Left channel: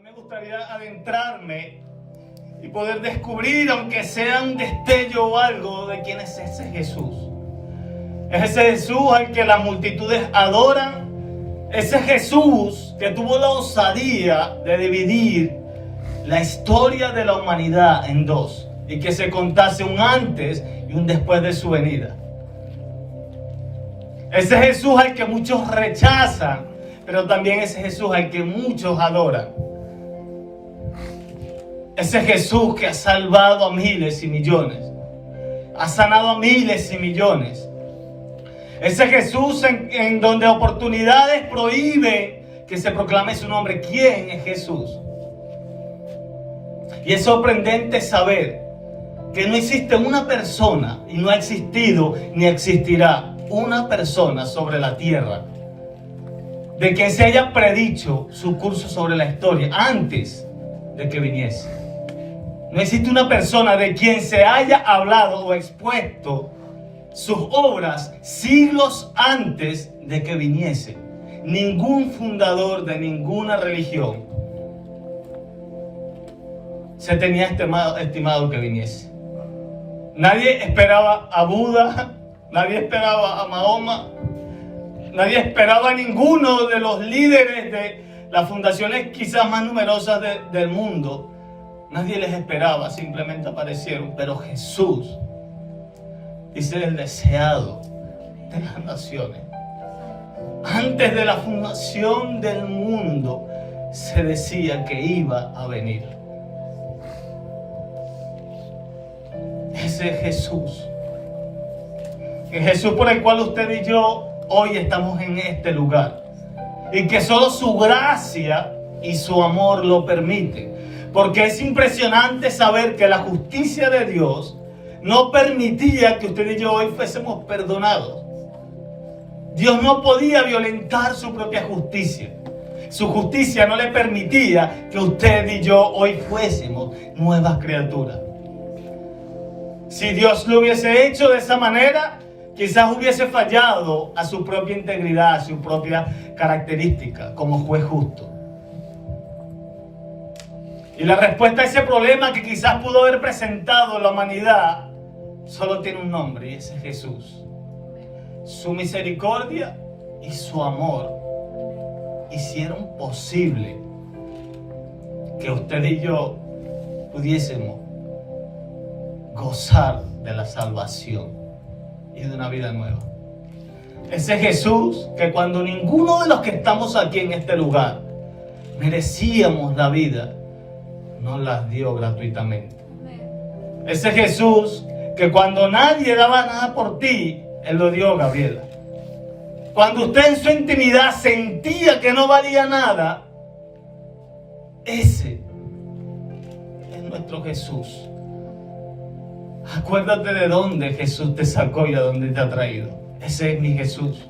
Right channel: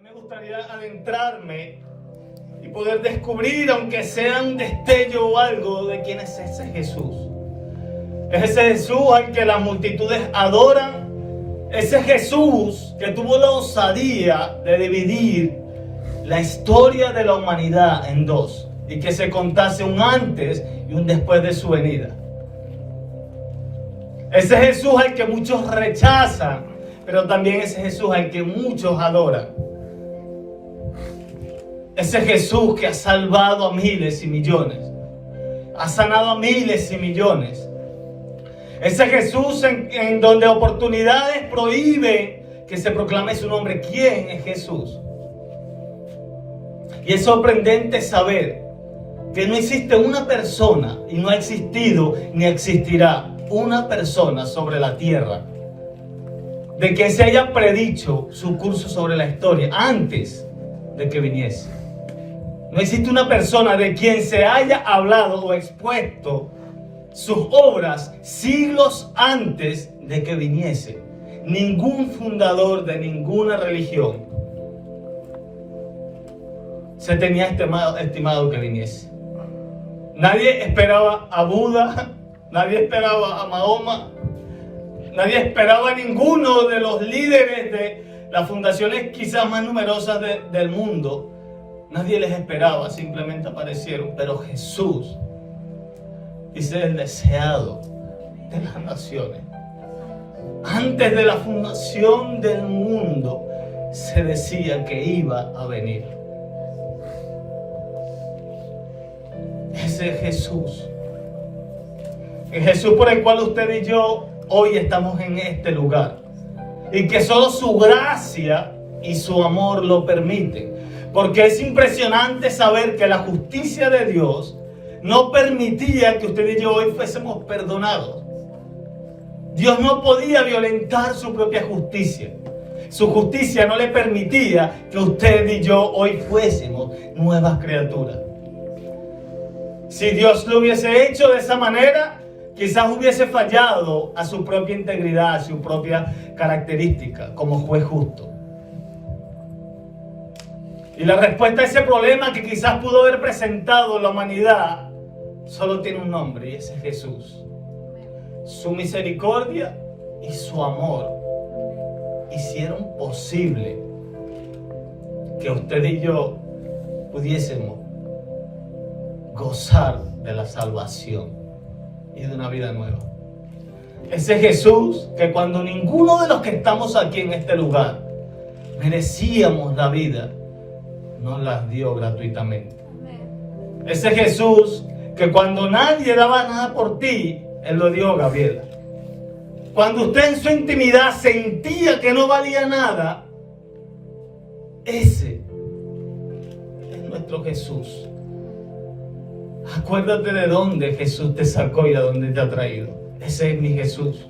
Hoy me gustaría adentrarme y poder descubrir, aunque sea un destello o algo, de quién es ese Jesús. Es ese Jesús al que las multitudes adoran. Ese Jesús que tuvo la osadía de dividir la historia de la humanidad en dos y que se contase un antes y un después de su venida. Ese Jesús al que muchos rechazan, pero también ese Jesús al que muchos adoran. Ese Jesús que ha salvado a miles y millones, ha sanado a miles y millones. Ese Jesús en donde oportunidades prohíbe que se proclame su nombre. ¿Quién es Jesús? Y es sorprendente saber que no existe una persona, y no ha existido ni existirá una persona sobre la tierra de que se haya predicho su curso sobre la historia antes de que viniese. No existe una persona de quien se haya hablado o expuesto sus obras siglos antes de que viniese. Ningún fundador de ninguna religión se tenía estimado que viniese. Nadie esperaba a Buda, nadie esperaba a Mahoma, nadie esperaba a ninguno de los líderes de las fundaciones quizás más numerosas del mundo. Nadie les esperaba, simplemente aparecieron. Pero Jesús dice el deseado de las naciones. Antes de la fundación del mundo se decía que iba a venir. Ese es Jesús. El Jesús por el cual usted y yo hoy estamos en este lugar. Y que solo su gracia y su amor lo permiten. Porque es impresionante saber que la justicia de Dios no permitía que usted y yo hoy fuésemos perdonados. Dios no podía violentar su propia justicia. Su justicia no le permitía que usted y yo hoy fuésemos nuevas criaturas. Si Dios lo hubiese hecho de esa manera, quizás hubiese fallado a su propia integridad, a su propia característica como juez justo. Y la respuesta a ese problema que quizás pudo haber presentado la humanidad solo tiene un nombre, y ese es Jesús. Su misericordia y su amor hicieron posible que usted y yo pudiésemos gozar de la salvación y de una vida nueva. Ese Jesús que cuando ninguno de los que estamos aquí en este lugar merecíamos la vida, nos las dio gratuitamente. Ese Jesús que cuando nadie daba nada por ti, Él lo dio, Gabriela. Cuando usted en su intimidad sentía que no valía nada, ese es nuestro Jesús. Acuérdate de dónde Jesús te sacó y a dónde te ha traído. Ese es mi Jesús.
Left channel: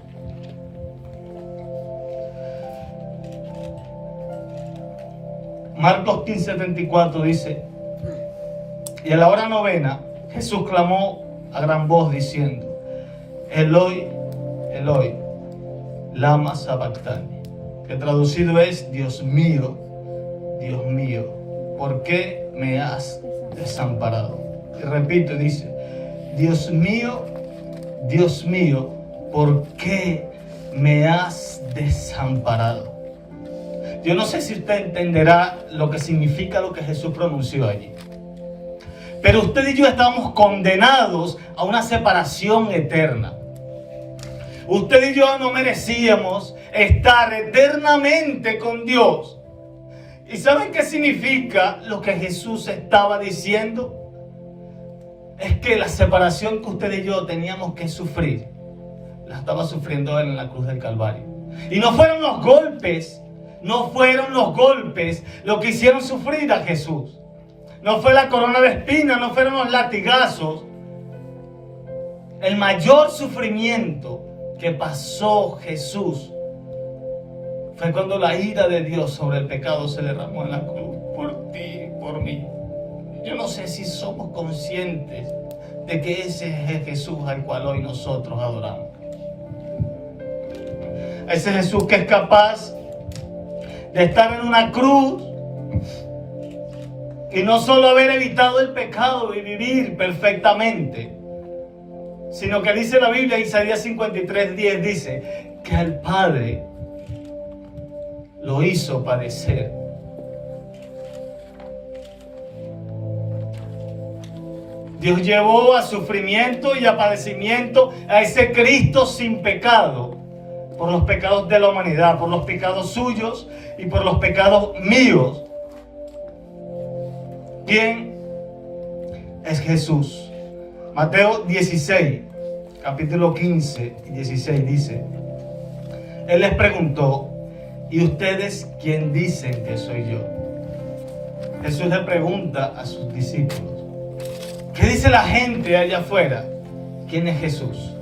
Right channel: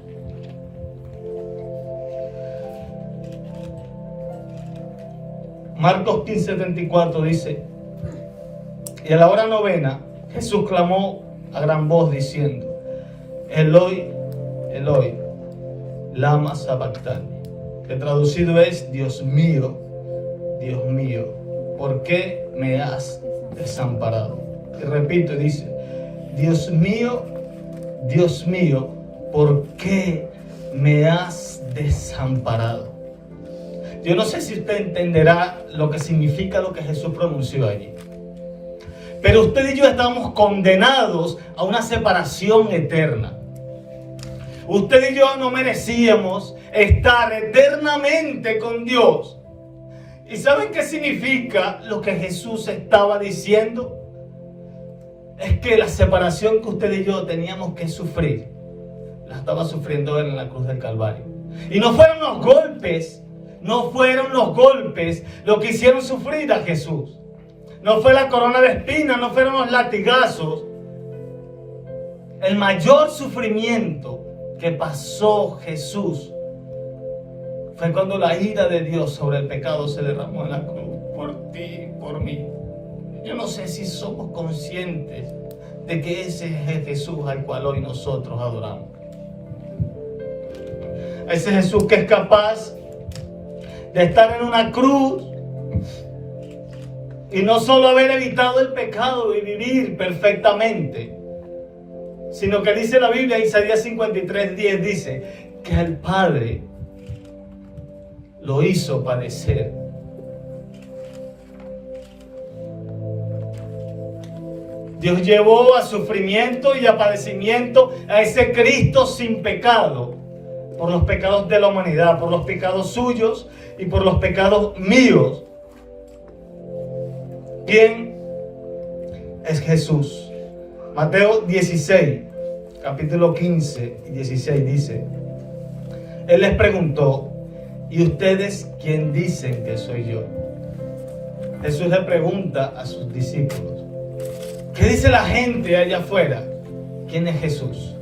Marcos 15:74 dice: y a la hora novena Jesús clamó a gran voz diciendo: Eloi, Eloi, lama sabactani, que traducido es: Dios mío, ¿por qué me has desamparado? Y repito, dice: Dios mío, ¿por qué me has desamparado? Yo no sé si usted entenderá lo que significa lo que Jesús pronunció allí. Pero usted y yo estamos condenados a una separación eterna. Usted y yo no merecíamos estar eternamente con Dios. ¿Y saben qué significa lo que Jesús estaba diciendo? Es que la separación que usted y yo teníamos que sufrir, la estaba sufriendo Él en la cruz del Calvario. Y no fueron los golpes lo que hicieron sufrir a Jesús. No fue la corona de espinas, no fueron los latigazos. El mayor sufrimiento que pasó Jesús fue cuando la ira de Dios sobre el pecado se derramó en la cruz, por ti, por mí. Yo no sé si somos conscientes de que ese es el Jesús al cual hoy nosotros adoramos. Ese Jesús que es capaz de estar en una cruz Y no solo haber evitado el pecado y vivir perfectamente, sino que dice la Biblia, Isaías 53:10, dice que al Padre lo hizo padecer. Dios llevó a sufrimiento y a padecimiento a ese Cristo sin pecado, por los pecados de la humanidad, por los pecados suyos y por los pecados míos. ¿Quién es Jesús? Mateo 16, capítulo 15 y 16 dice: Él les preguntó, ¿y ustedes quién dicen que soy yo? Jesús le pregunta a sus discípulos: ¿qué dice la gente allá afuera? ¿Quién es Jesús?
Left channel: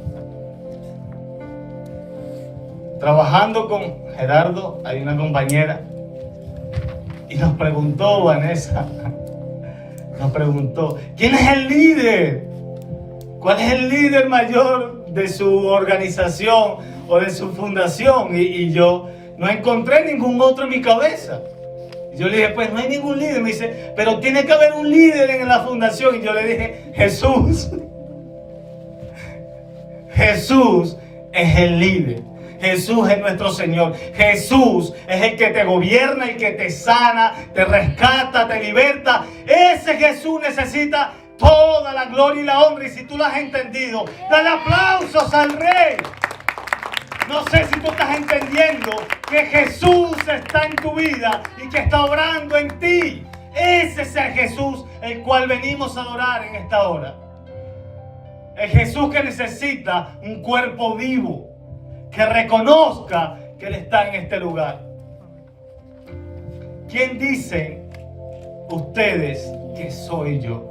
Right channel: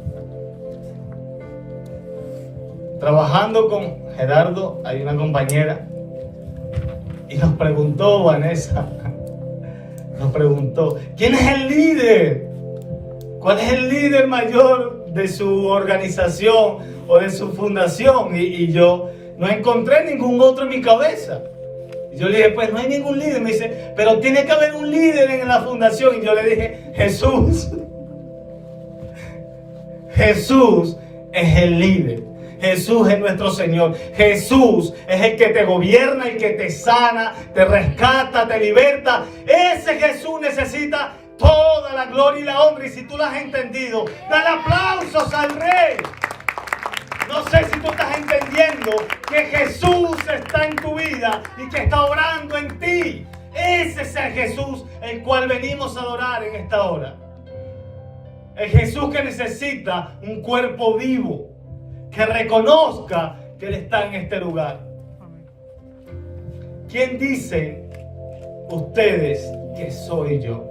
Trabajando con Gerardo, hay una compañera, y nos preguntó, Vanessa, nos preguntó, ¿quién es el líder? ¿Cuál es el líder mayor de su organización o de su fundación? Y yo no encontré ningún otro en mi cabeza. Y yo le dije, pues no hay ningún líder. Me dice, pero tiene que haber un líder en la fundación. Y yo le dije, Jesús. Jesús es el líder. Jesús es nuestro Señor. Jesús es el que te gobierna, el que te sana, te rescata, te liberta. Ese Jesús necesita toda la gloria y la honra. Y si tú lo has entendido, dale aplausos al Rey. No sé si tú estás entendiendo que Jesús está en tu vida y que está obrando en ti. Ese es el Jesús el cual venimos a adorar en esta hora. El Jesús que necesita un cuerpo vivo, que reconozca que Él está en este lugar. ¿Quién dicen ustedes que soy yo?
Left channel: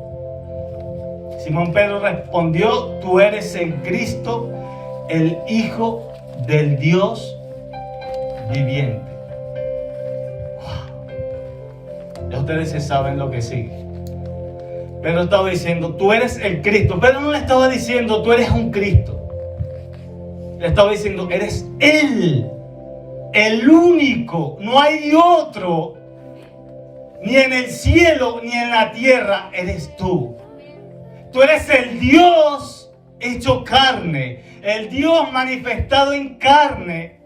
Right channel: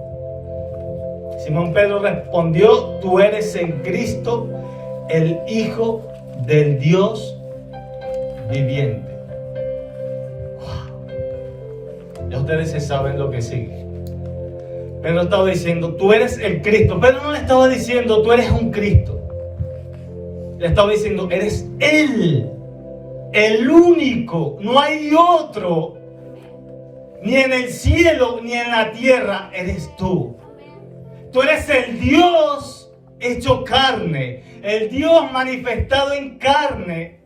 Simón Pedro respondió: tú eres el Cristo, el Hijo del Dios viviente. Wow. Ya ustedes se saben lo que sigue. Pedro estaba diciendo, tú eres el Cristo. Pedro no le estaba diciendo, tú eres un Cristo. Le estaba diciendo, eres Él, el único, no hay otro, ni en el cielo ni en la tierra, eres tú. Tú eres el Dios hecho carne, el Dios manifestado en carne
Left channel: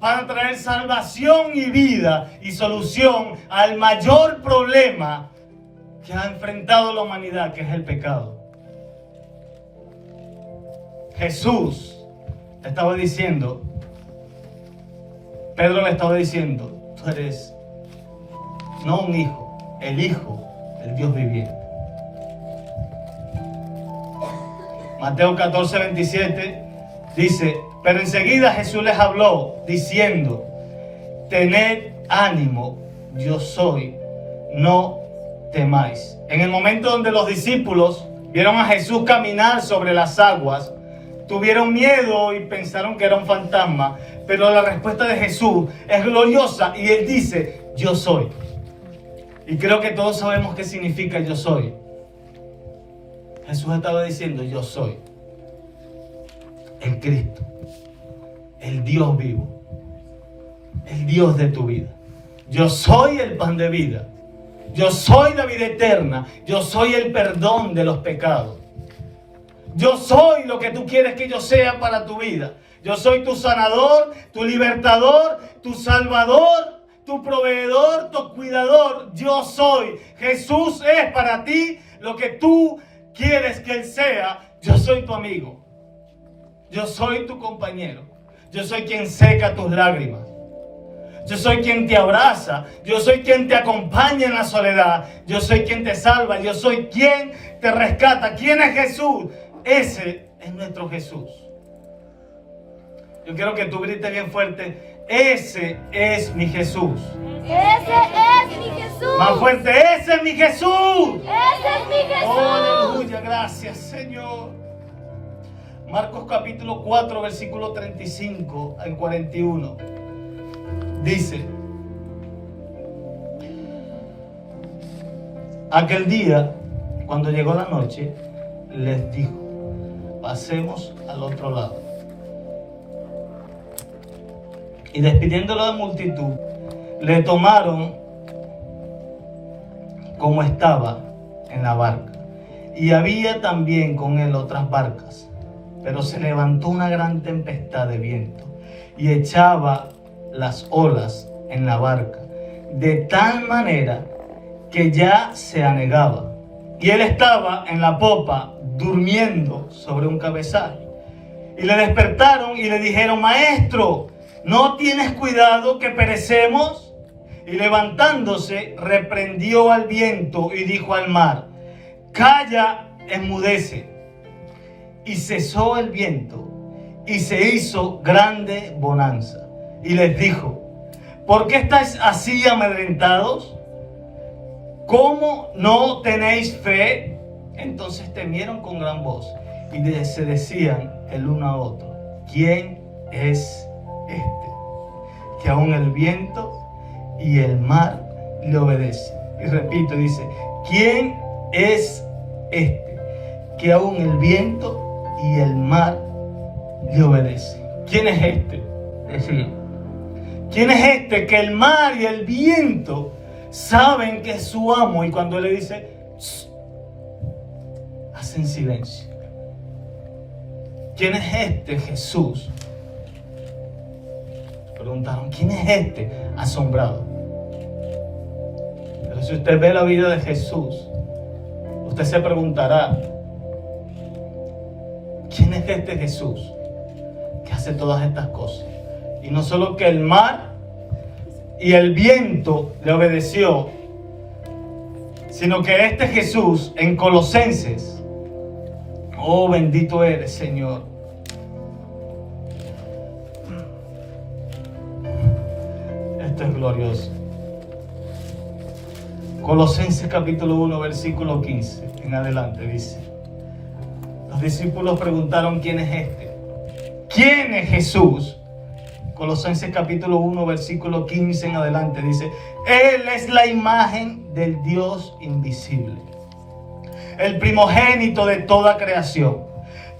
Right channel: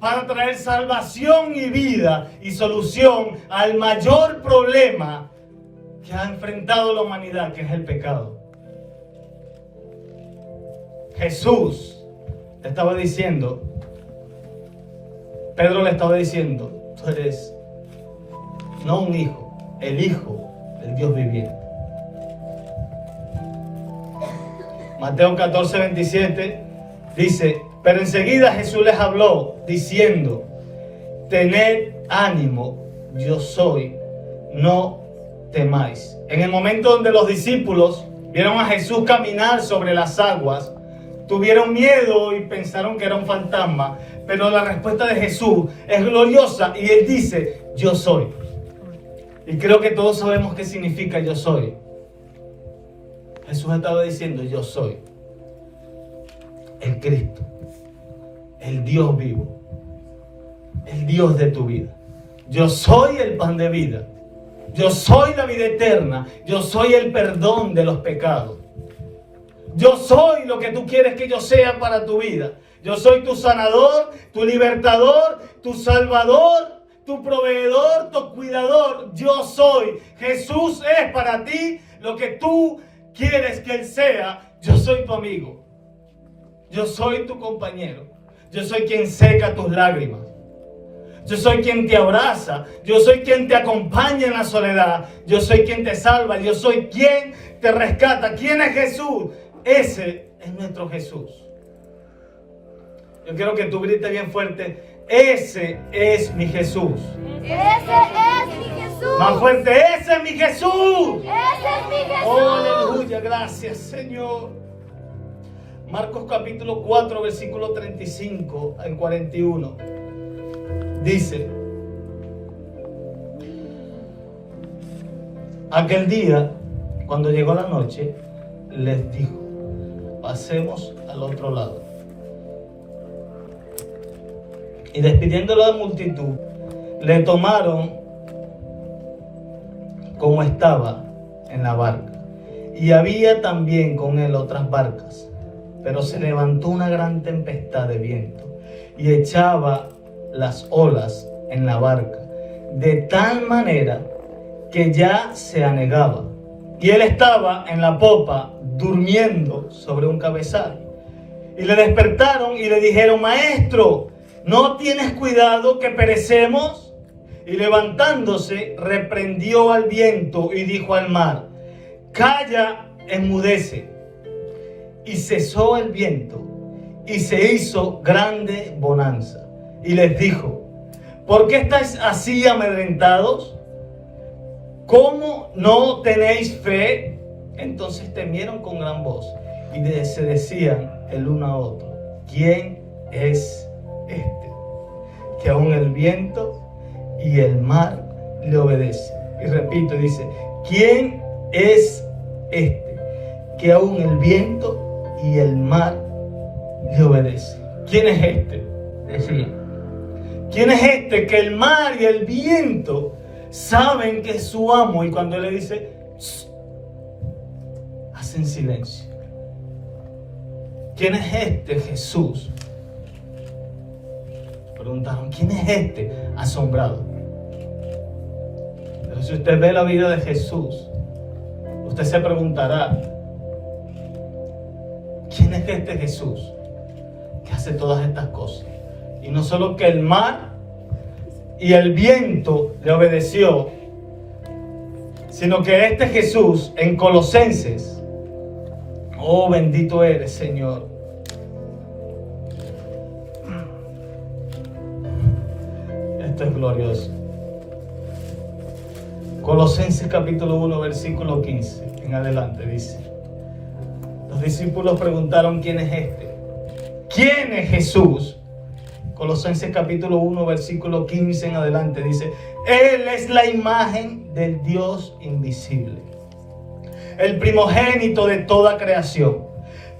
para traer salvación y vida y solución al mayor problema que ha enfrentado la humanidad, que es el pecado. Jesús le estaba diciendo, Pedro le estaba diciendo, tú eres no un hijo, el Hijo del Dios viviente. Mateo 14:27 dice, pero enseguida Jesús les habló diciendo, tened ánimo, yo soy, no temáis. En el momento donde los discípulos vieron a Jesús caminar sobre las aguas, tuvieron miedo y pensaron que era un fantasma, pero la respuesta de Jesús es gloriosa y Él dice, yo soy. Y creo que todos sabemos qué significa yo soy. Jesús estaba diciendo, yo soy el Cristo, el Dios vivo, el Dios de tu vida. Yo soy el pan de vida. Yo soy la vida eterna. Yo soy el perdón de los pecados. Yo soy lo que tú quieres que yo sea para tu vida. Yo soy tu sanador, tu libertador, tu salvador, tu proveedor, tu cuidador. Yo soy. Jesús es para ti lo que tú quieres que Él sea. Yo soy tu amigo. Yo soy tu compañero. Yo soy quien seca tus lágrimas. Yo soy quien te abraza. Yo soy quien te acompaña en la soledad. Yo soy quien te salva. Yo soy quien te rescata. ¿Quién es Jesús? Ese es nuestro Jesús. Yo quiero que tú grites bien fuerte. Ese es mi Jesús. Ese es mi Jesús. Más fuerte. Ese es mi Jesús. Ese es mi Jesús. Oh, aleluya. Gracias, Señor. Marcos capítulo 4, versículo 35 al 41. Dice, aquel día, cuando llegó la noche, les dijo, pasemos al otro lado. Y despidiendo a la multitud, le tomaron como estaba en la barca. Y había también con él otras barcas. Pero se levantó una gran tempestad de viento y echaba las olas en la barca, de tal manera que ya se anegaba. Y él estaba en la popa durmiendo sobre un cabezal. Y le despertaron y le dijeron: Maestro, ¿no tienes cuidado que perecemos? Y levantándose, reprendió al viento y dijo al mar: Calla, enmudece. Y cesó el viento, y se hizo grande bonanza. Y les dijo: ¿por qué estáis así amedrentados? ¿Cómo no tenéis fe? Entonces temieron con gran voz y se decían el uno a otro: ¿quién es este, que aún el viento y el mar le obedecen? Y repito, dice: ¿quién es este, que aún el viento y el mar le obedecen? ¿Quién es este? Decía. ¿Quién es este que el mar y el viento saben que es su amo? Y cuando él le dice, hacen silencio. ¿Quién es este Jesús? Preguntaron: ¿quién es este? Asombrado. Pero si usted ve la vida de Jesús, usted se preguntará: ¿quién es este Jesús que hace todas estas cosas? Y no solo que el mar y el viento le obedeció, sino que este Jesús en Colosenses, oh bendito eres, Señor. Esto es glorioso. Colosenses capítulo 1, versículo 15 en adelante dice: los discípulos preguntaron: ¿quién es este? ¿Quién es Jesús? Colosenses capítulo 1, versículo 15 en adelante dice: Él es la imagen del Dios invisible, el primogénito de toda creación,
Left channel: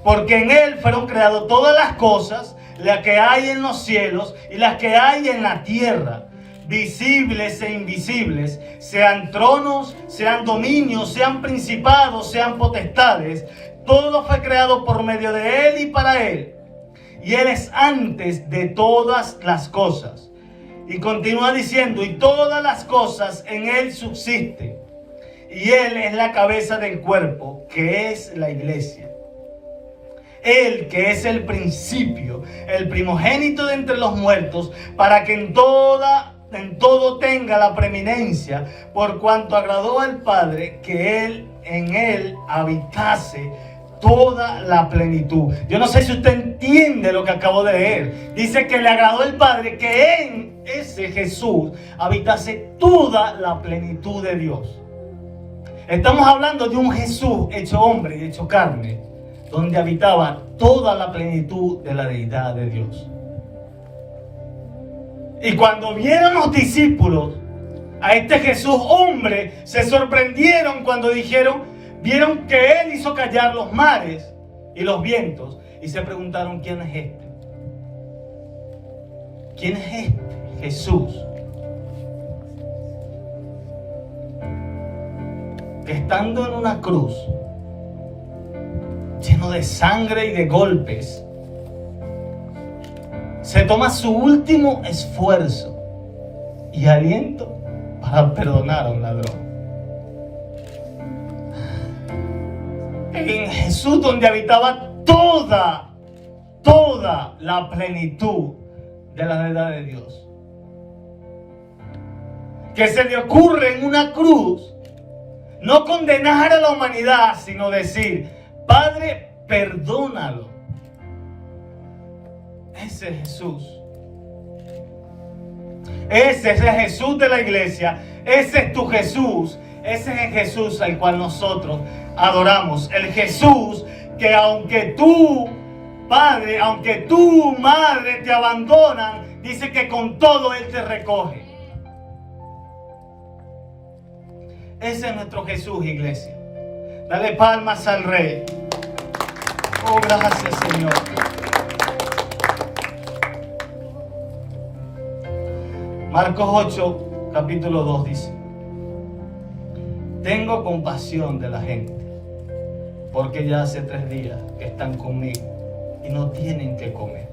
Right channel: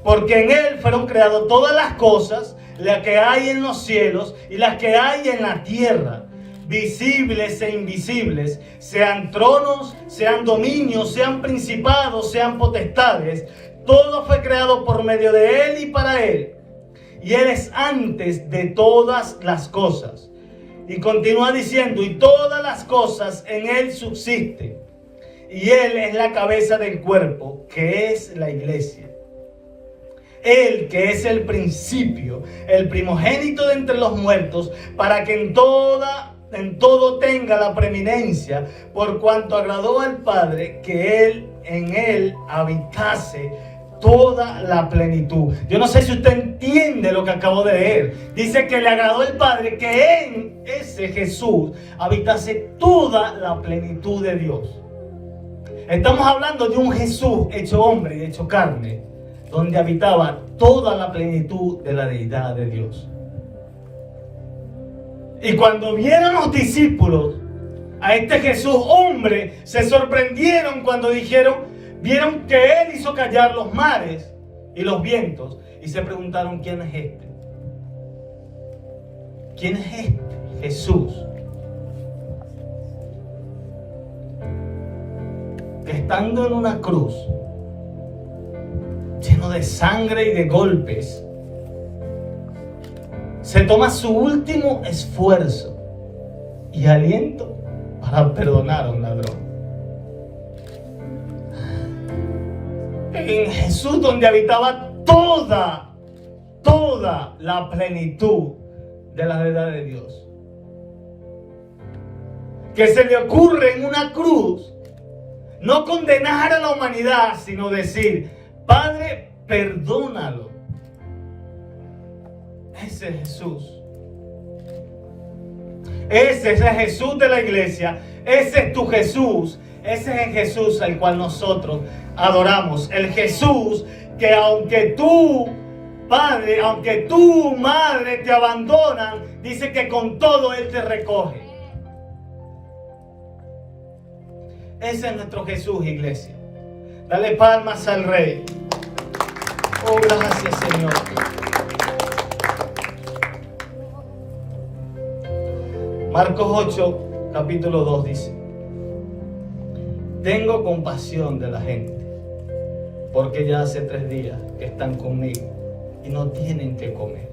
porque en Él fueron creadas todas las cosas, las que hay en los cielos y las que hay en la tierra, visibles e invisibles, sean tronos, sean dominios, sean principados, sean potestades. Todo fue creado por medio de Él y para Él. Y Él es antes de todas las cosas. Y continúa diciendo: y todas las cosas en Él subsisten. Y Él es la cabeza del cuerpo, que es la iglesia. Él, que es el principio, el primogénito de entre los muertos, para que en todo tenga la preeminencia, por cuanto agradó al Padre que Él en Él habitase toda la plenitud. Yo no sé si usted entiende lo que acabo de leer. Dice que le agradó el Padre que en ese Jesús habitase toda la plenitud de Dios. Estamos hablando de un Jesús hecho hombre y hecho carne, donde habitaba toda la plenitud de la deidad de Dios. Y cuando vieron los discípulos a este Jesús hombre, se sorprendieron cuando vieron que Él hizo callar los mares y los vientos, y se preguntaron: ¿quién es este? ¿Quién es este Jesús? Que estando en una cruz, lleno de sangre y de golpes, se toma su último esfuerzo y aliento para perdonar a un ladrón. En Jesús, donde habitaba toda la plenitud de la verdad de Dios, que se le ocurre en una cruz no condenar a la humanidad, sino decir: Padre, perdónalo. Ese es Jesús. Ese es el Jesús de la iglesia. Ese es tu Jesús. Ese es el Jesús al cual nosotros adoramos. El Jesús que aunque tú, Padre, aunque tu madre te abandonan, dice que con todo Él te recoge. Ese es nuestro Jesús, iglesia. Dale palmas al Rey. Oh, gracias, Señor. Marcos 8, capítulo 2 dice: tengo compasión de la gente, porque ya hace 3 días que están conmigo y no tienen que comer.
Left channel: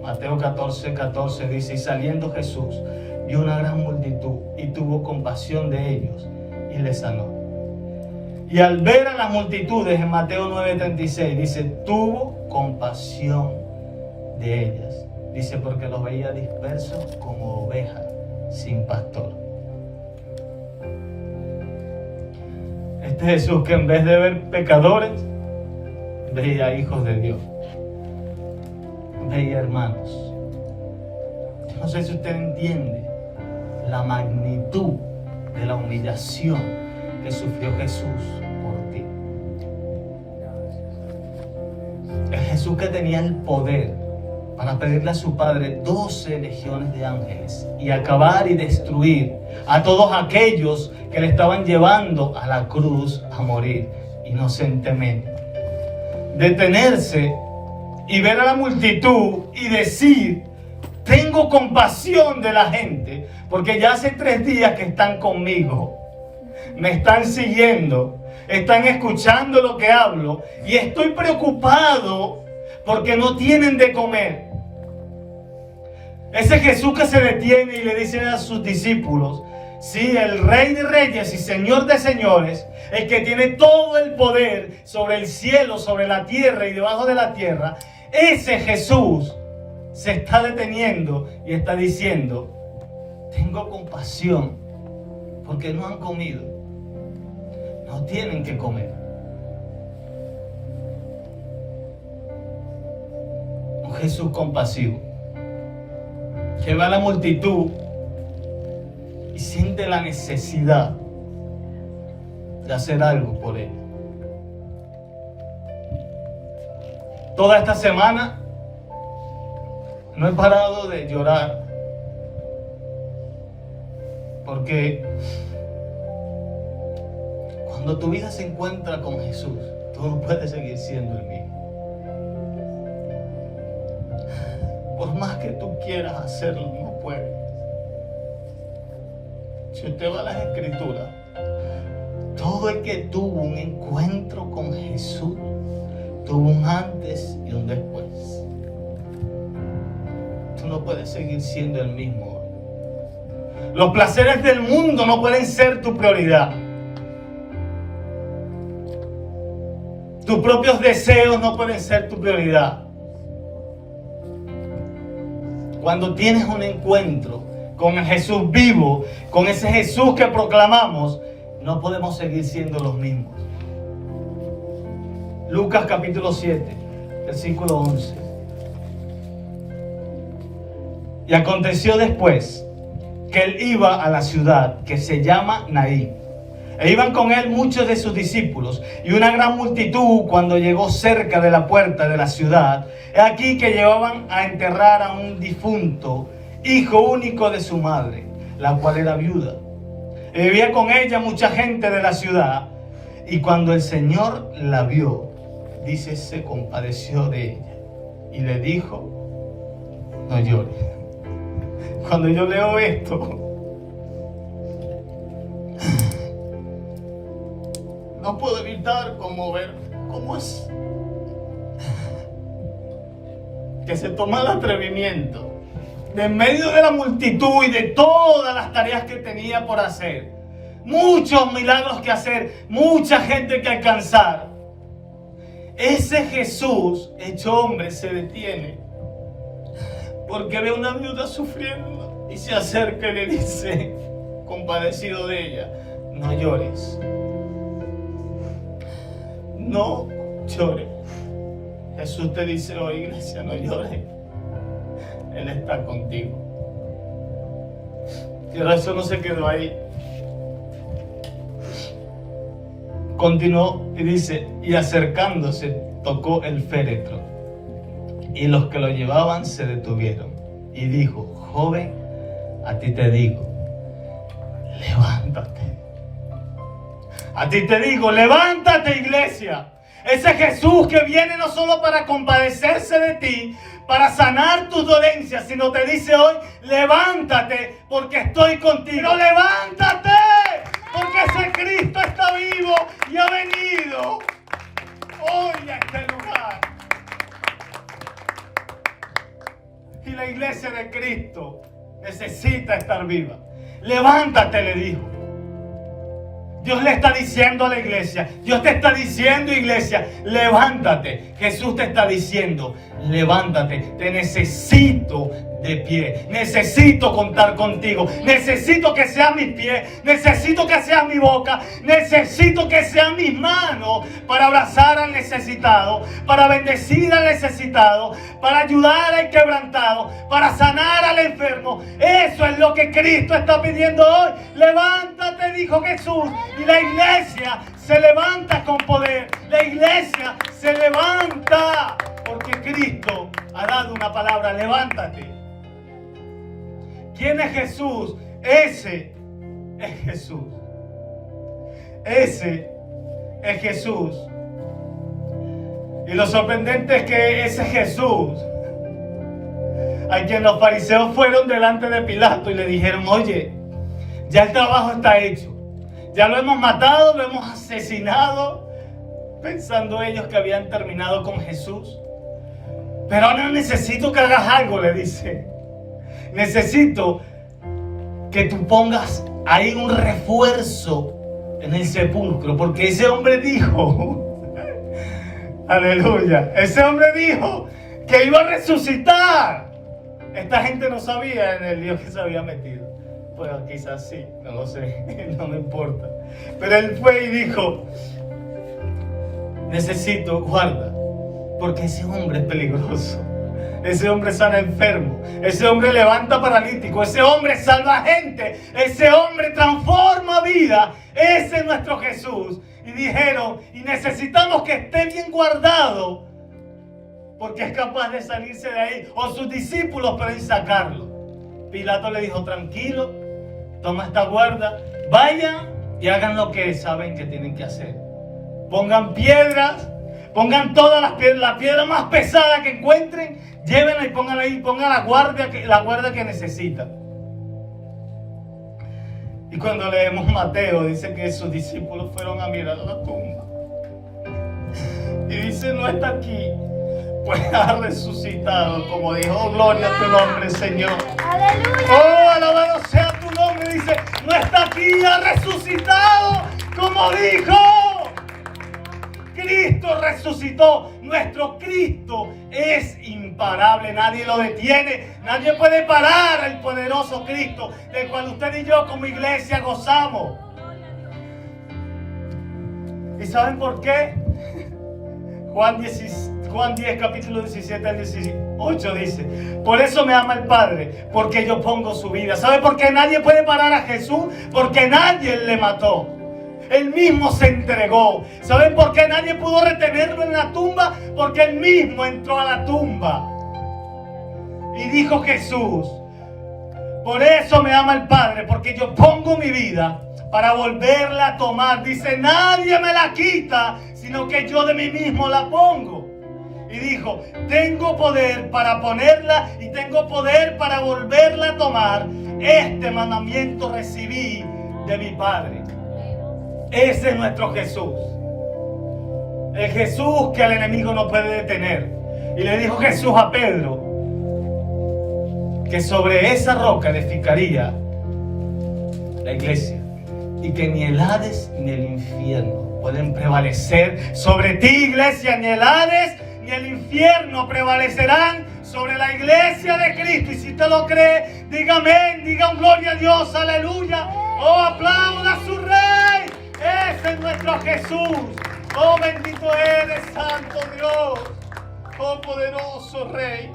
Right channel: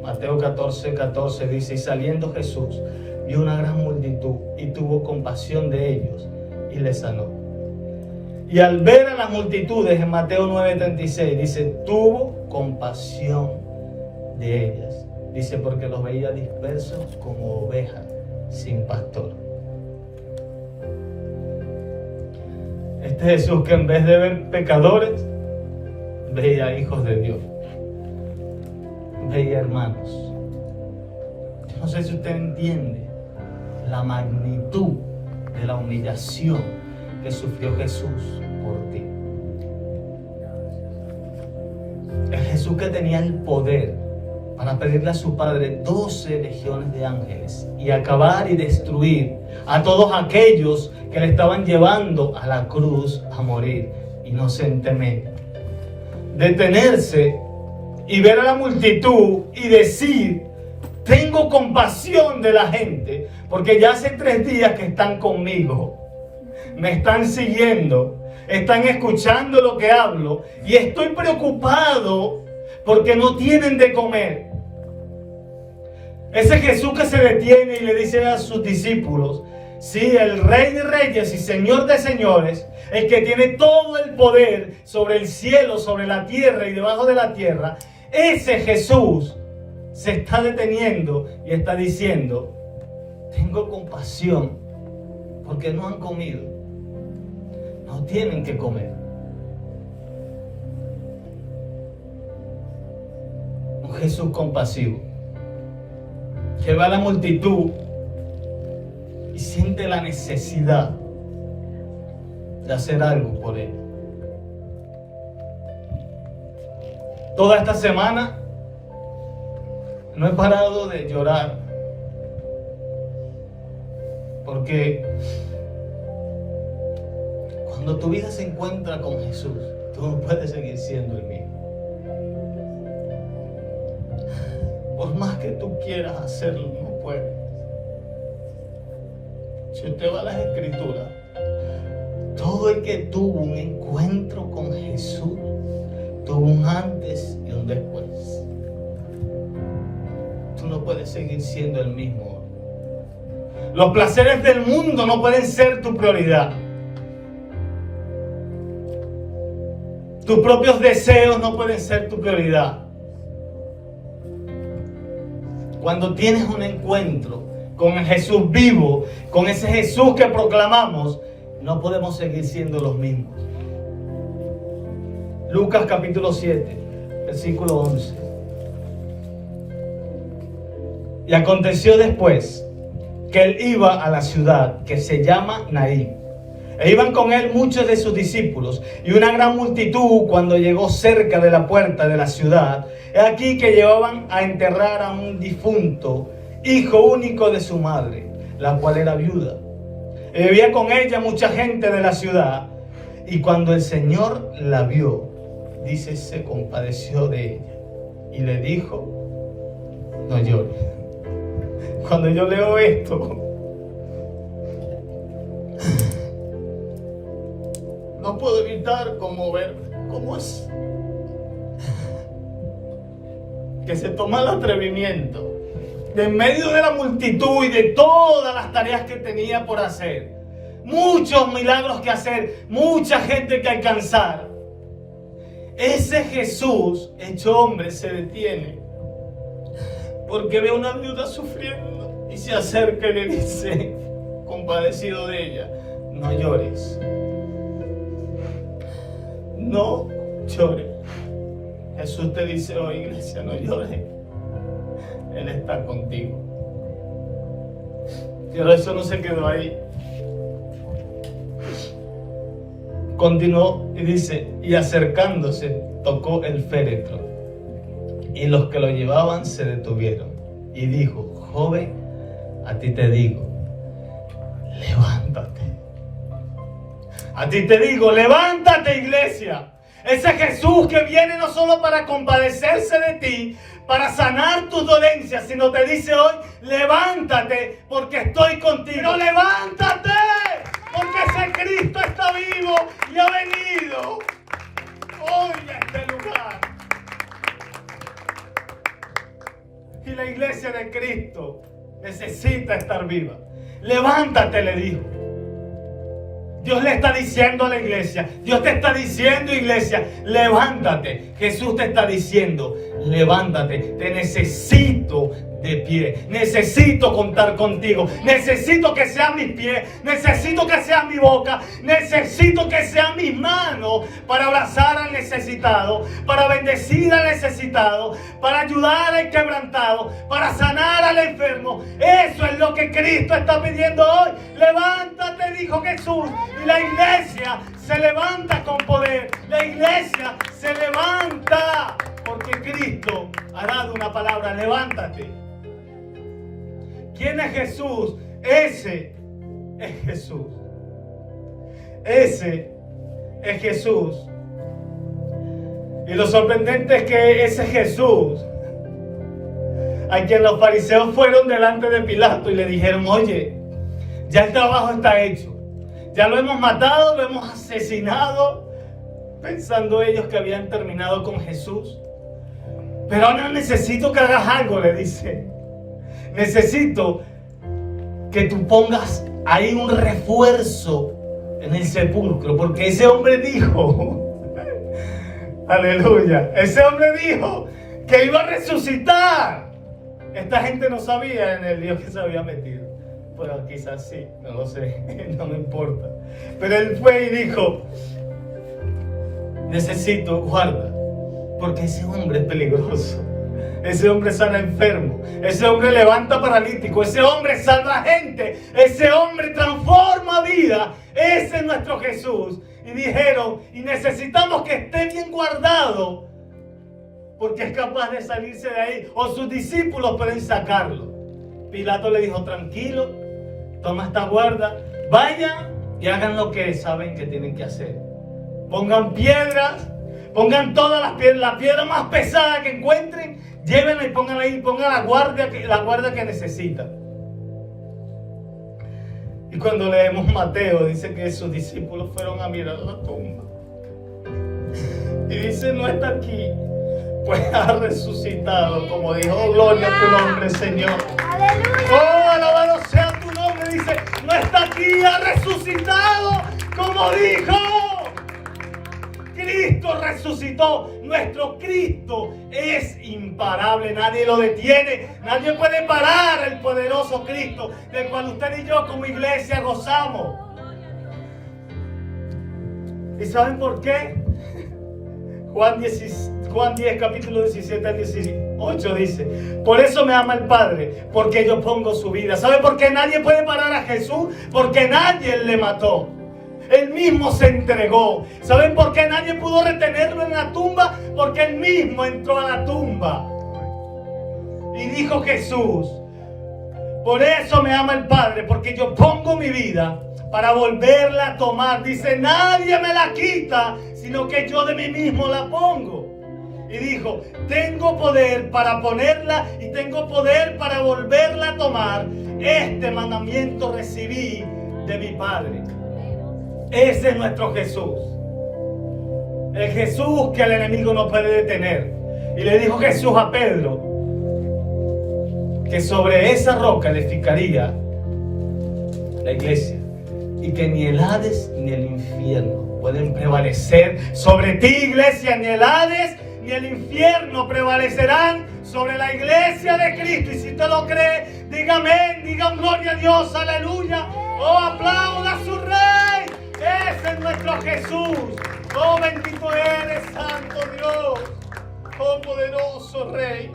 Mateo 14:14 dice, y saliendo Jesús vio una gran multitud y tuvo compasión de ellos y les sanó. Y al ver a las multitudes, en Mateo 9:36 dice, tuvo compasión de ellas. Dice, porque los veía dispersos como ovejas sin pastor. Este Jesús que en vez de ver pecadores, veía hijos de Dios, veía hermanos. Yo no sé si usted entiende la magnitud de la humillación que sufrió Jesús por ti. El Jesús que tenía el poder para pedirle a su Padre 12 legiones de ángeles y acabar y destruir a todos aquellos que le estaban llevando a la cruz a morir inocentemente. Detenerse y ver a la multitud y decir, tengo compasión de la gente, porque ya hace 3 días que están conmigo, me están siguiendo, están escuchando lo que hablo y estoy preocupado porque no tienen de comer. Ese Jesús que se detiene y le dice a sus discípulos, sí, el Rey de Reyes y Señor de Señores, el que tiene todo el poder sobre el cielo, sobre la tierra y debajo de la tierra, ese Jesús se está deteniendo y está diciendo, tengo compasión porque no han comido, no tienen que comer. Un Jesús compasivo que ve a la multitud y siente la necesidad de hacer algo por él. Toda esta semana no he parado de llorar porque cuando tu vida se encuentra con Jesús, tú no puedes seguir siendo el mismo. Por más que tú quieras hacerlo, no puedes. Si usted va a las Escrituras, todo el que tuvo un encuentro con Jesús tuvo un antes y un después. Tú no puedes seguir siendo el mismo. Los placeres del mundo no pueden ser tu prioridad. Tus propios deseos no pueden ser tu prioridad. Cuando tienes un encuentro con el Jesús vivo, con ese Jesús que proclamamos, no podemos seguir siendo los mismos. Lucas capítulo 7, versículo 11. Y aconteció después que él iba a la ciudad que se llama Naín. E iban con él muchos de sus discípulos y una gran multitud. Cuando llegó cerca de la puerta de la ciudad, he aquí que llevaban a enterrar a un difunto, hijo único de su madre, la cual era viuda. Y vivía con ella mucha gente de la ciudad. Y cuando el Señor la vio, dice, se compadeció de ella y le dijo, no llores. Cuando yo leo esto, no puedo evitar como ver cómo es que se toma el atrevimiento de en medio de la multitud y de todas las tareas que tenía por hacer, muchos milagros que hacer, mucha gente que alcanzar. Ese Jesús hecho hombre se detiene porque ve a una viuda sufriendo y se acerca y le dice, compadecido de ella, no llores. No llores. Jesús te dice hoy, iglesia, no llores. Él está contigo. Pero eso no se quedó ahí. Continuó y dice, y acercándose tocó el féretro, y los que lo llevaban se detuvieron, y dijo, joven, a ti te digo, levántate. A ti te digo, levántate, iglesia. Ese Jesús que viene no solo para compadecerse de ti, para sanar tus dolencias, sino te dice hoy, levántate porque estoy contigo. ¡Levántate! que ese Cristo está vivo y ha venido hoy a este lugar. Y la iglesia de Cristo necesita estar viva. Levántate, le dijo. Dios le está diciendo a la iglesia, Dios te está diciendo, iglesia, levántate. Jesús te está diciendo, levántate, te necesito de pie, necesito contar contigo, necesito que sean mis pies, necesito que sean mi boca, necesito que sean mis manos para abrazar al necesitado, para bendecir al necesitado, para ayudar al quebrantado, para sanar al enfermo. Eso es lo que Cristo está pidiendo hoy. Levántate, dijo Jesús, y la iglesia se levanta con poder, la iglesia se levanta porque Cristo ha dado una palabra, levántate. ¿Quién es Jesús? Ese es Jesús. Ese es Jesús. Y lo sorprendente es que ese Jesús, a quien los fariseos fueron delante de Pilato y le dijeron, oye, ya el trabajo está hecho. Ya lo hemos matado, lo hemos asesinado, pensando ellos que habían terminado con Jesús. Pero ahora necesito que hagas algo, le dice. Necesito que tú pongas ahí un refuerzo en el sepulcro, porque ese hombre dijo, aleluya, ese hombre dijo que iba a resucitar. Esta gente no sabía en el lío que se había metido. Bueno, quizás sí, no lo sé, no me importa. Pero él fue y dijo, necesito, guarda, porque ese hombre es peligroso. Ese hombre sana enfermo, ese hombre levanta paralítico, ese hombre salva gente, ese hombre transforma vida. Ese es nuestro Jesús. Y dijeron, y necesitamos que esté bien guardado, porque es capaz de salirse de ahí, o sus discípulos pueden sacarlo. Pilato le dijo, tranquilo, toma esta guarda, vayan y hagan lo que saben que tienen que hacer. Pongan piedras, pongan todas las piedras, la piedra más pesada que encuentren, llévenla y pongan ahí, pongan la guardia que necesitan. Y cuando leemos Mateo, dice que sus discípulos fueron a mirar la tumba. Y dice, no está aquí, pues ha resucitado, como dijo, gloria a tu nombre, Señor. Aleluya. Oh, alabado sea tu nombre, dice, no está aquí, ha resucitado, como dijo. Cristo resucitó. Nuestro Cristo es imparable. Nadie lo detiene. Nadie puede parar el poderoso Cristo del cual usted y yo como iglesia gozamos. ¿Y saben por qué? Juan 10, capítulo 17 al 18 dice, por eso me ama el Padre, porque yo pongo su vida. ¿Sabe por qué nadie puede parar a Jesús? Porque nadie le mató. Él mismo se entregó. ¿Saben por qué nadie pudo retenerlo en la tumba? Porque él mismo entró a la tumba. Y dijo Jesús, por eso me ama el Padre, porque yo pongo mi vida para volverla a tomar. Dice, nadie me la quita, sino que yo de mí mismo la pongo. Y dijo, tengo poder para ponerla y tengo poder para volverla a tomar. Este mandamiento recibí de mi Padre. Ese es nuestro Jesús. El Jesús que el enemigo no puede detener. Y le dijo Jesús a Pedro que sobre esa roca edificaría la iglesia. Y que ni el Hades ni el infierno pueden prevalecer sobre ti, iglesia. Ni el Hades ni el infierno prevalecerán sobre la iglesia de Cristo. Y si usted lo cree, diga amén, diga gloria a Dios, aleluya. Oh, aplauda a su Rey. Ese es nuestro Jesús. Oh, bendito eres, santo Dios. Oh, poderoso Rey.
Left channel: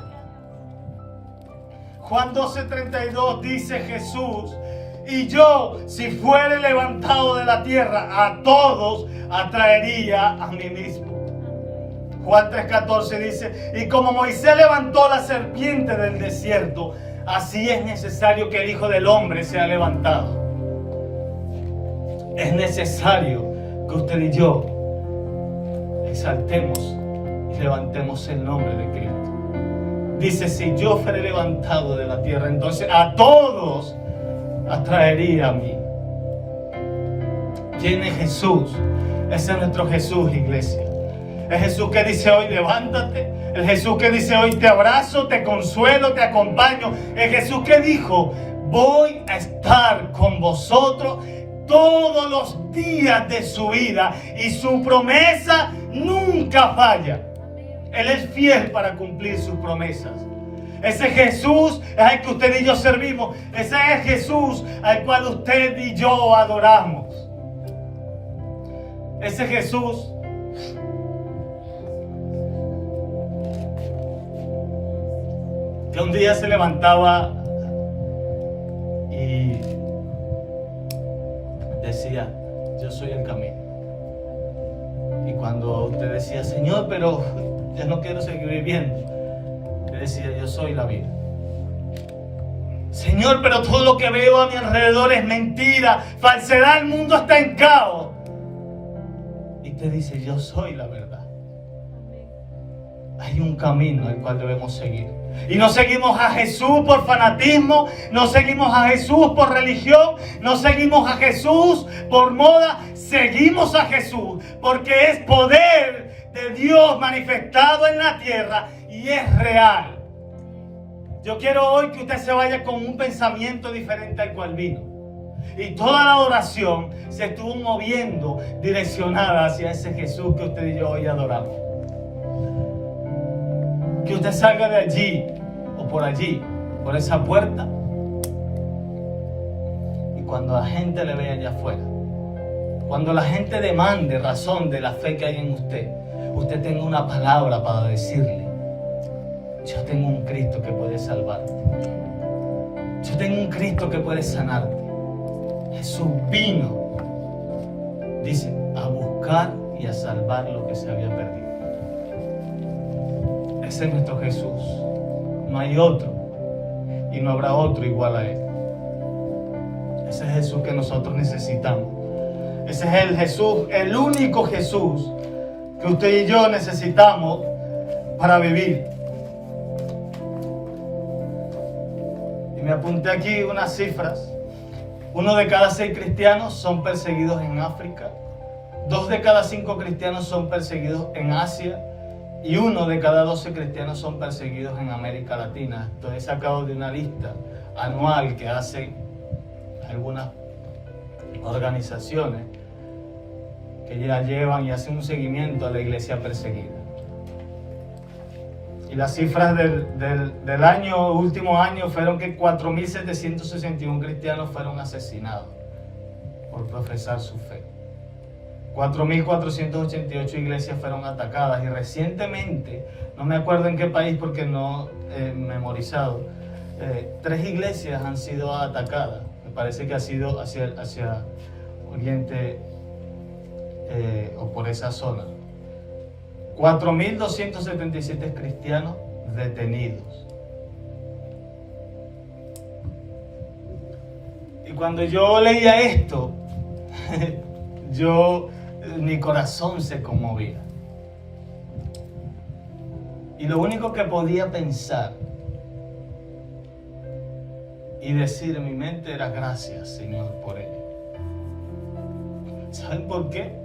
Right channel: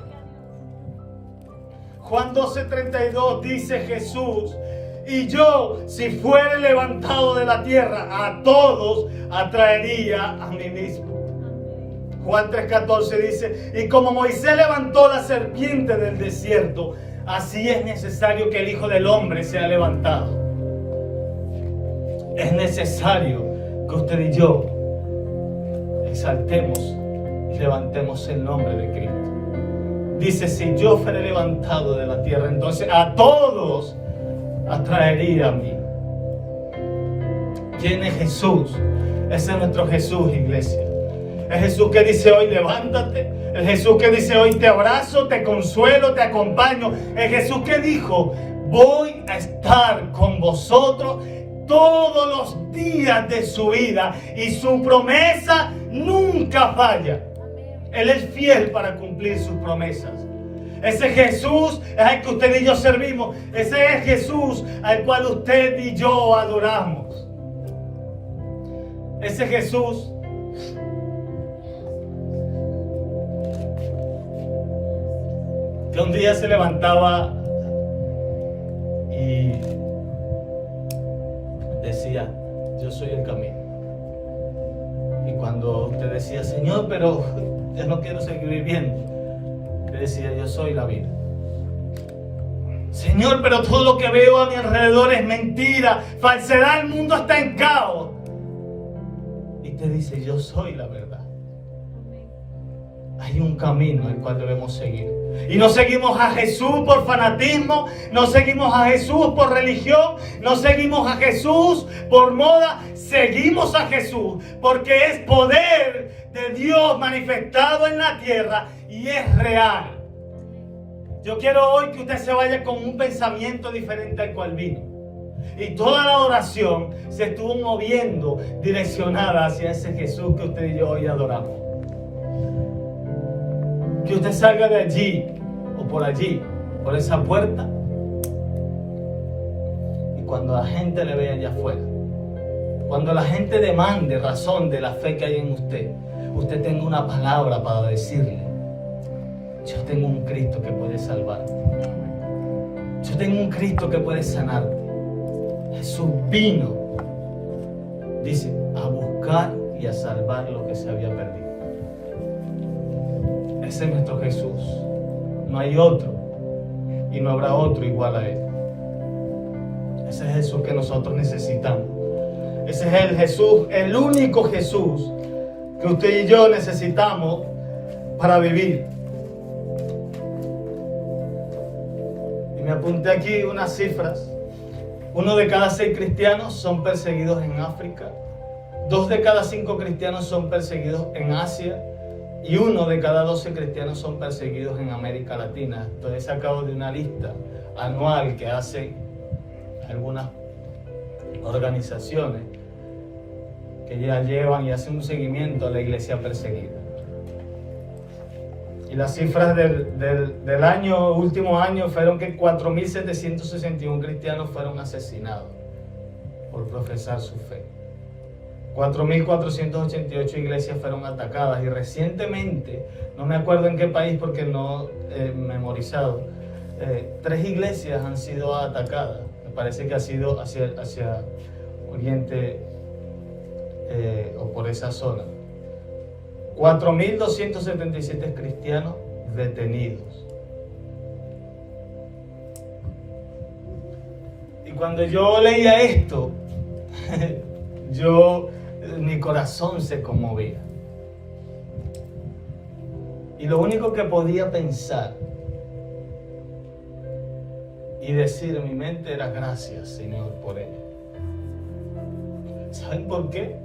Juan 12:32 dice Jesús, y yo, si fuere levantado de la tierra, a todos atraería a mí mismo. Juan 3:14 dice, y como Moisés levantó la serpiente del desierto, así es necesario que el Hijo del Hombre sea levantado. Es necesario que usted y yo exaltemos y levantemos el nombre de Cristo. Dice, si yo fuere levantado de la tierra, entonces a todos atraería a mí. ¿Quién es Jesús? Ese es nuestro Jesús, iglesia. El Jesús que dice hoy, levántate. El Jesús que dice hoy, te abrazo, te consuelo, te acompaño. El Jesús que dijo, voy a estar con vosotros todos los días de su vida. Y su promesa nunca falla. Él es fiel para cumplir sus promesas. Ese Jesús es el que usted y yo servimos. Ese es Jesús al cual usted y yo adoramos. Ese Jesús que un día se levantaba y decía, yo soy el camino. Y cuando usted decía, Señor, pero yo no quiero seguir viviendo, le decía, yo soy la vida. Señor, pero todo lo que veo a mi alrededor es mentira, falsedad, el mundo está en caos. Y te dice, yo soy la verdad. Hay un camino al cual debemos seguir. Y no seguimos a Jesús por fanatismo, no seguimos a Jesús por religión, no seguimos a Jesús por moda, seguimos a Jesús porque es poder de Dios manifestado en la tierra y es real. Yo quiero hoy que usted se vaya con un pensamiento diferente al cual vino. Y toda la oración se estuvo moviendo direccionada hacia ese Jesús que usted y yo hoy adoramos. Que usted salga de allí o por allí, por esa puerta, y cuando la gente le vea allá afuera, cuando la gente demande razón de la fe que hay en usted, usted tenga una palabra para decirle, yo tengo un Cristo que puede salvarte, yo tengo un Cristo que puede sanarte. Jesús vino, dice, a buscar y a salvar lo que se había perdido. Ese es nuestro Jesús. No hay otro y no habrá otro igual a Él. Ese es el Jesús que nosotros necesitamos. Ese es el Jesús, el único Jesús que usted y yo necesitamos para vivir. Y me apunté aquí unas cifras. 1 de cada 6 cristianos son perseguidos en África. 2 de cada 5 cristianos son perseguidos en Asia. Y 1 de cada 12 cristianos son perseguidos en América Latina. Esto he sacado de una lista anual que hacen algunas organizaciones que ya llevan y hacen un seguimiento a la iglesia perseguida. Y las cifras del último año fueron que 4.761 cristianos fueron asesinados por profesar su fe. 4.488 iglesias fueron atacadas y recientemente, no me acuerdo en qué país porque no he memorizado, 3 iglesias han sido atacadas. Me parece que ha sido hacia Oriente o por esa zona. 4.277 cristianos detenidos. Y cuando yo leía esto, mi corazón se conmovía. Y lo único que podía pensar y decir en mi mente era gracias, Señor, por ello. ¿Saben por qué?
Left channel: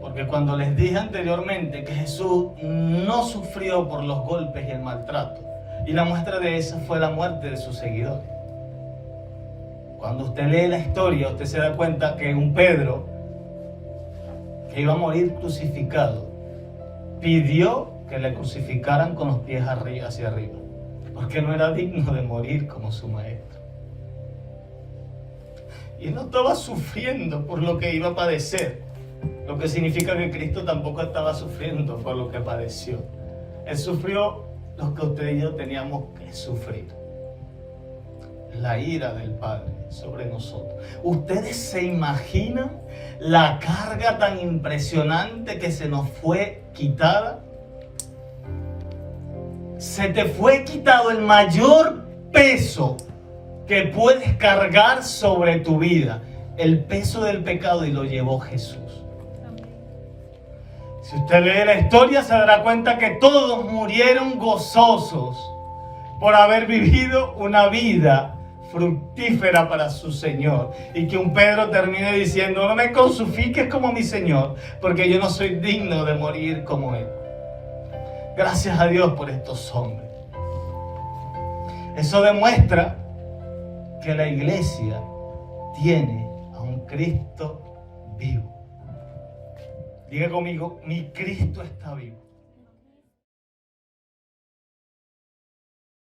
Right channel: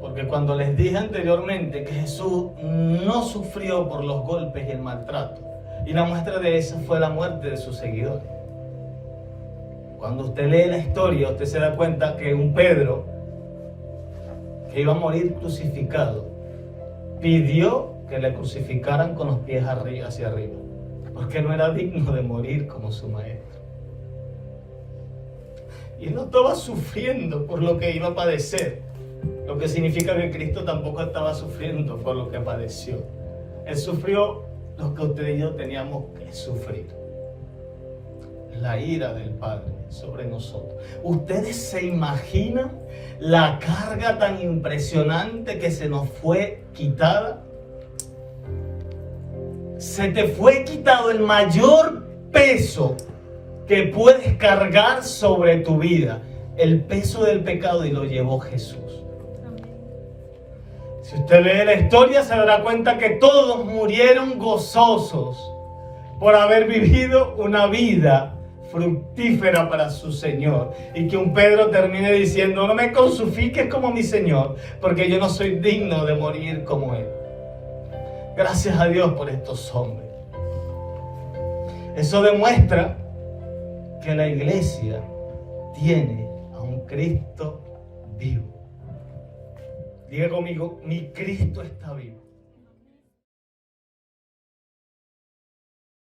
Porque cuando les dije anteriormente que Jesús no sufrió por los golpes y el maltrato, y la muestra de eso fue la muerte de sus seguidores. Cuando usted lee la historia, usted se da cuenta que un Pedro, que iba a morir crucificado, pidió que le crucificaran con los pies hacia arriba, porque no era digno de morir como su maestro. Y no estaba sufriendo por lo que iba a padecer, lo que significa que Cristo tampoco estaba sufriendo por lo que padeció. Él sufrió lo que usted y yo teníamos que sufrir. La ira del Padre sobre nosotros. ¿Ustedes se imaginan la carga tan impresionante que se nos fue quitada? Se te fue quitado el mayor peso que puedes cargar sobre tu vida, el peso del pecado, y lo llevó Jesús. Si usted lee la historia, se dará cuenta que todos murieron gozosos por haber vivido una vida fructífera para su Señor. Y que un Pedro termine diciendo, no me crucifiques como mi Señor, porque yo no soy digno de morir como Él. Gracias a Dios por estos hombres. Eso demuestra que la iglesia tiene a un Cristo vivo. Diga conmigo, mi Cristo está vivo.